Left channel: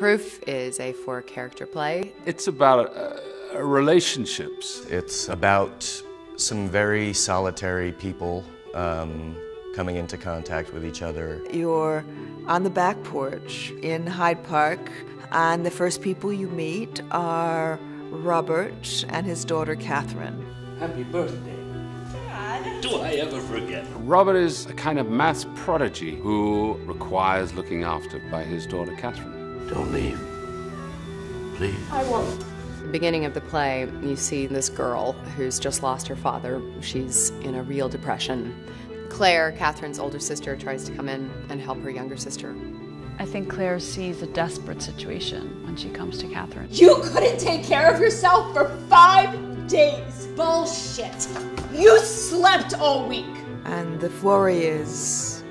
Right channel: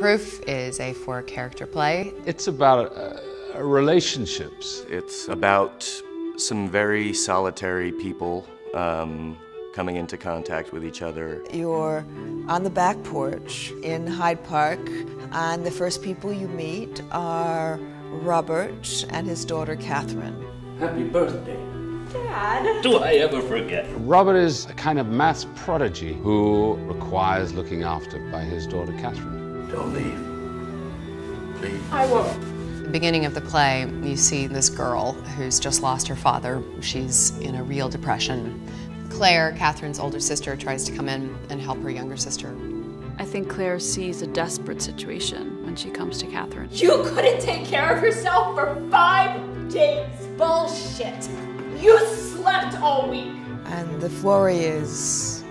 Proof is a four-character play. It's about relationships. It's about some very solitary people coming into contact with each other. You're on the back porch in Hyde Park, and the first people you meet are Robert and his daughter Catherine. Happy birthday. Dad. Do I ever forget? Robert is a kind of maths prodigy who requires looking after by his daughter Catherine. Don't leave. Please. I won't. At the beginning of the play, you see this girl who's just lost her father. She's in a real depression. Claire, Catherine's older sister, tries to come in and help her younger sister. I think Claire sees a desperate situation when she comes to Catherine. You couldn't take care of yourself for 5 days. Bullshit. You slept all week. And the worry is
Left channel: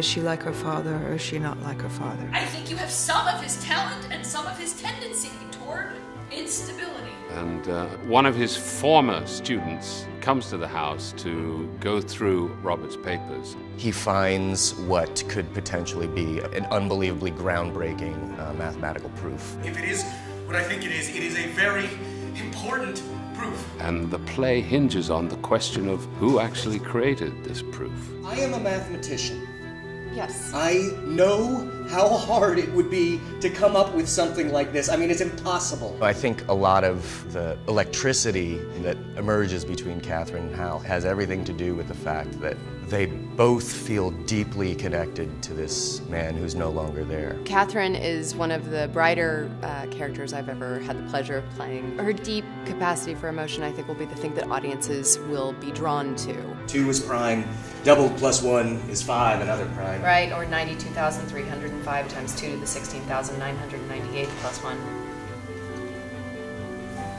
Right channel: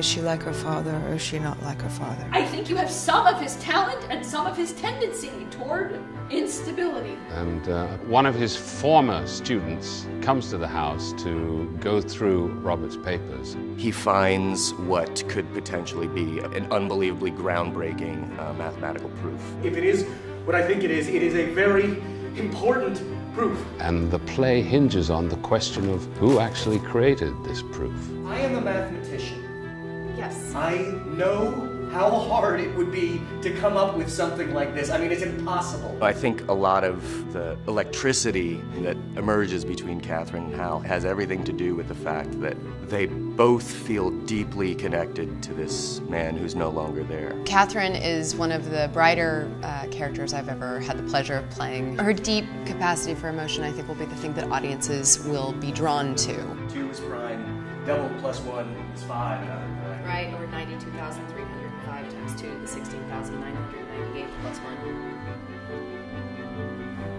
she like her father or is she not like her father? I think you have some of his talent and some of his tendency toward instability. And one of his former students comes to the house to go through Robert's papers. He finds what could potentially be an unbelievably groundbreaking mathematical proof. If it is what I think it is a very important proof. And the play hinges on the question of who actually created this proof. I am a mathematician. Yes. I know how hard it would be to come up with something like this. I mean, it's impossible. I think a lot of the electricity that emerges between Catherine and Hal has everything to do with the fact that they both feel deeply connected to this man who's no longer there. Catherine is one of the brighter characters I've ever had the pleasure of playing. Her deep capacity for emotion, I think, will be the thing that audiences will be drawn to. 2 is prime. Double plus 1 is 5, another prime. Right, or 92,305 times 2 to the 16,998 plus 1.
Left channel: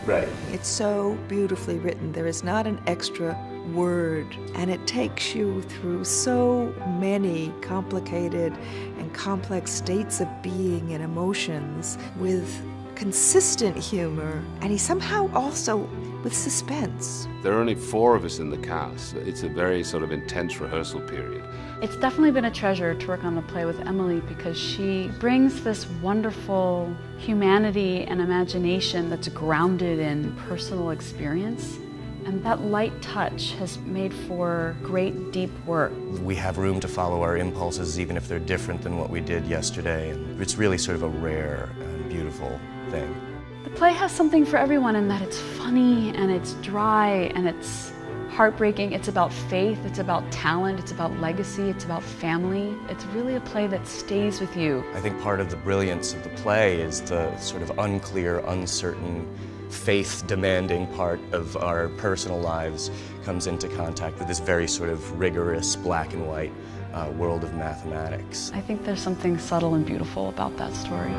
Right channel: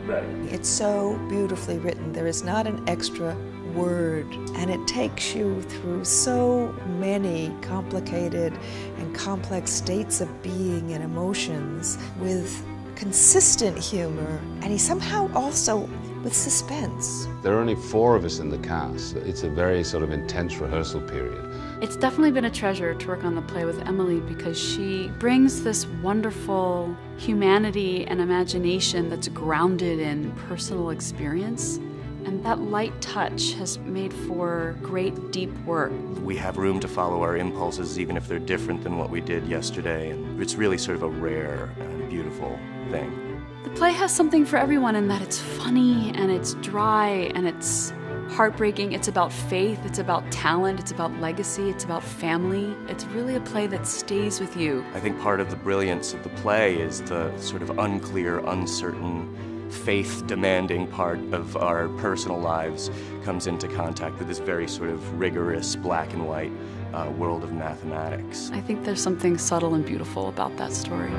Right. It's so beautifully written. There is not an extra word, and it takes you through so many complicated and complex states of being and emotions with consistent humor, and he somehow also with suspense. There are only 4 of us in the cast. It's a very sort of intense rehearsal period. It's definitely been a treasure to work on the play with Emily because she brings this wonderful humanity and imagination that's grounded in personal experience. And that light touch has made for great, deep work. We have room to follow our impulses even if they're different than what we did yesterday. It's really sort of a rare and beautiful thing. The play has something for everyone in that it's funny and it's dry and it's heartbreaking. It's about faith, it's about talent, it's about legacy, it's about family. It's really a play that stays with you. I think part of the brilliance of the play is the sort of unclear, uncertain, faith-demanding part of our personal lives comes into contact with this very sort of rigorous black and white world of mathematics. I think there's something subtle and beautiful about that story.